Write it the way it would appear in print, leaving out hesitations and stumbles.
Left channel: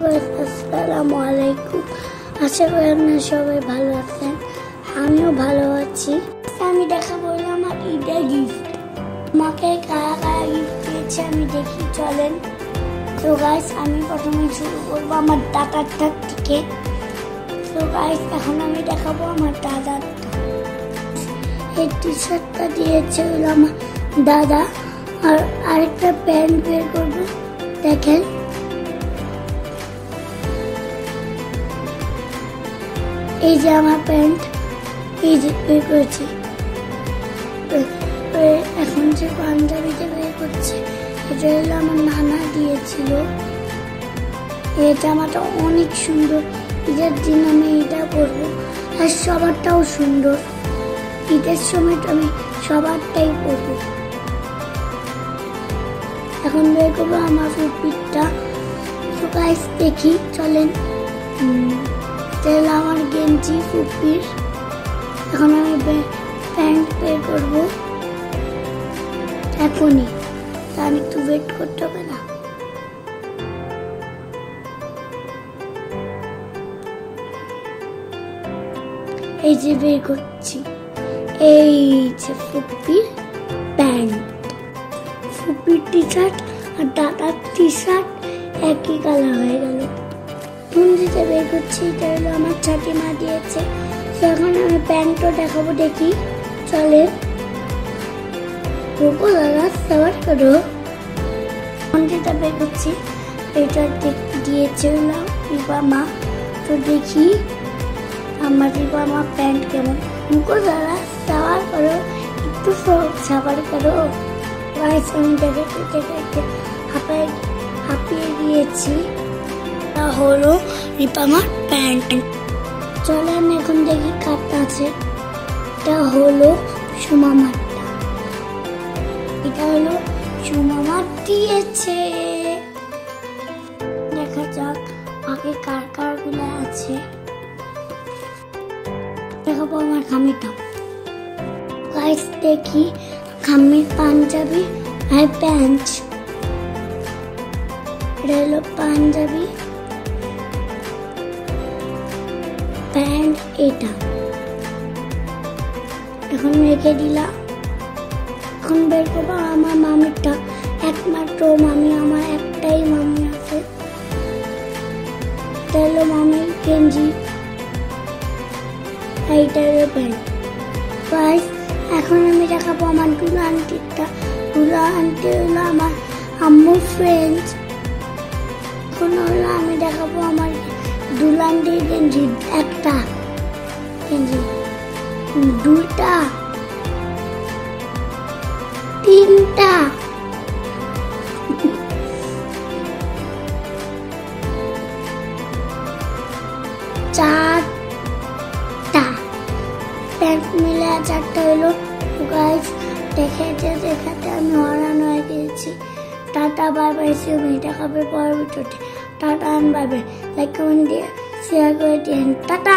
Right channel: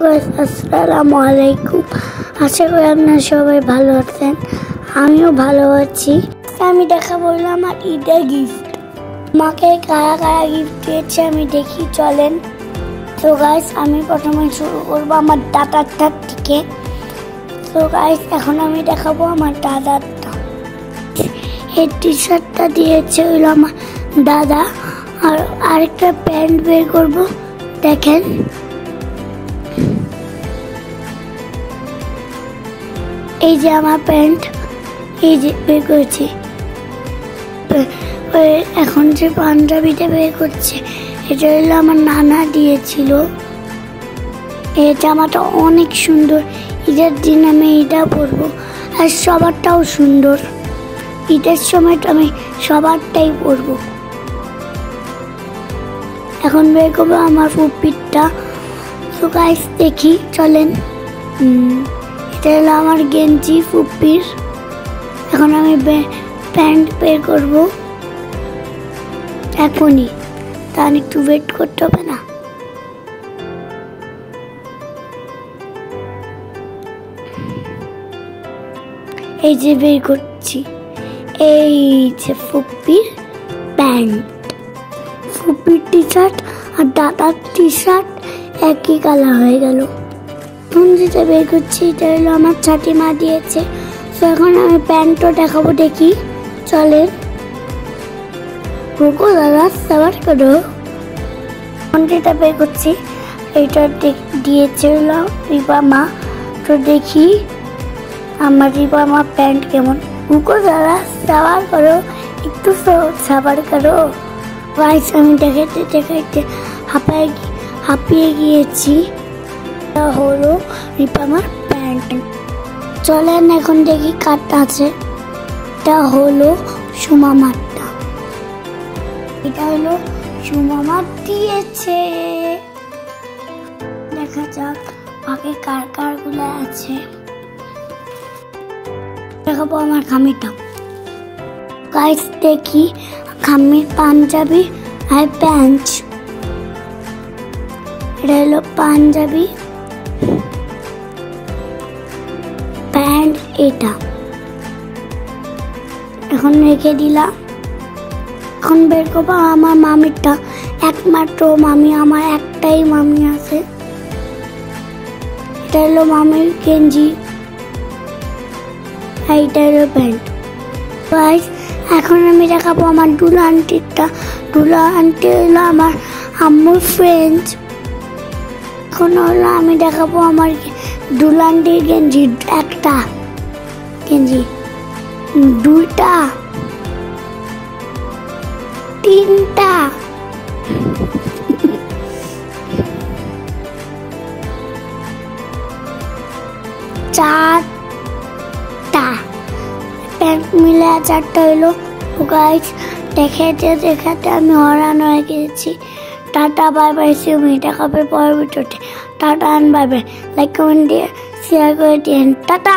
আসসালামু আলাইকুম। আশা করি আপনারা সবাই ভালো আছেন, আমিও ভালো আছি। আমি দেখাবো আমার ঈদের গিফট। মাকে কারা কারা গিফট দিয়েছে আমি দেখি, চলেন। তো গাইস, আমি প্রথমে শুরু করবো আমার দাদারটা থেকে। তো গাইস, এখন আমি দেখাবো আমার দাদারটা। এই টি শার্টটা দিয়েছে হলো আমার দাদা। আর আরেকটা প্যান্ট বের করবো, দেখেন। এই যে আমার প্যান্ট, এই যে বের করেছি। এখন যে পাঞ্জাবিটা বের করছে, এটা হলো আমার নানা দিয়েছিল। এই জামাটা অনেক সুন্দর, ঈদের দিন আমি এটা পরবো। আর সবারটাও সুন্দর, ঈদের সময় আমি সবারটাই পরবো। এখন বের করবো আমার ফুপিটটা। তো গাইস দেখি, চলেন। এটা হলো আমার গেঞ্জি ফুপির। এখন আমি প্যান্ট বের করবো এখনই, তাহলে একটু ওয়েট করতে হবে না? এই যে বের করছি, এই যে ফুপির প্যান্ট, ফুপির টি শার্ট আর দাদার টি শার্ট একই কালার হয়ে গেল। যেটা বের করছি, এটা হলো আমার ছাটিমা দিয়েছে। তো এখন আমি প্যান্টও দেখাবো, দেখি, চলে। দাদা সবার করো। এখন যেটা বের করছি, এটা দিয়েছে হলো রিবা মা। তো দেখি আমার রিবা মা প্যান্ট কেমন। দাদা সাবার করো, একটু সাবার করো। গাইস, আমি দেখাইতে দেখাইতে হাঁপিয়ে গিয়েছি। হলো রিপামার প্যান্ট। চলেন এখন দেখি কারটা আছে। এটা হলো সুমামারটা। এটা হলো সুমামার দিয়েছে। দেখা যাক বাকি কার কার গুলো আছে। দেখাবো আমার খামিটা। গাইস দেখি, খামির পাঞ্জাবি আর প্যান্ট। এটা হলো পাঞ্জাবি, প্যান্ট এটা। এখন রেখে দিলাম। এখন বের করবো আমার মামিরটা। একমাত্র মামি, আমার একটাই মামি আছে। এটা হলো মামির গেঞ্জি, এইটা হলো প্যান্ট। গাইস, এখন আমি দেখাবো আমার দুলা আন্টিরটা। দুলা আন্টি হলো আমার আম্মুর ফ্রেন্ড। এখন হলো আমি দেখাবো আমার দুলান্ডির গেঞ্জি। একটা গেঞ্জি, দুইটা, তিনটা, চারটা প্যান্ট মিলে চারটা হলো। গাইস দেখাতে দেখাতে আমি হরান হয়ে গেছি। Tata, bye bye, see you. দেখাবে পরের ভিডিওতে। Tata and bye bye. Like, comment দিয়ে শেয়ার করে দিন। টাটা।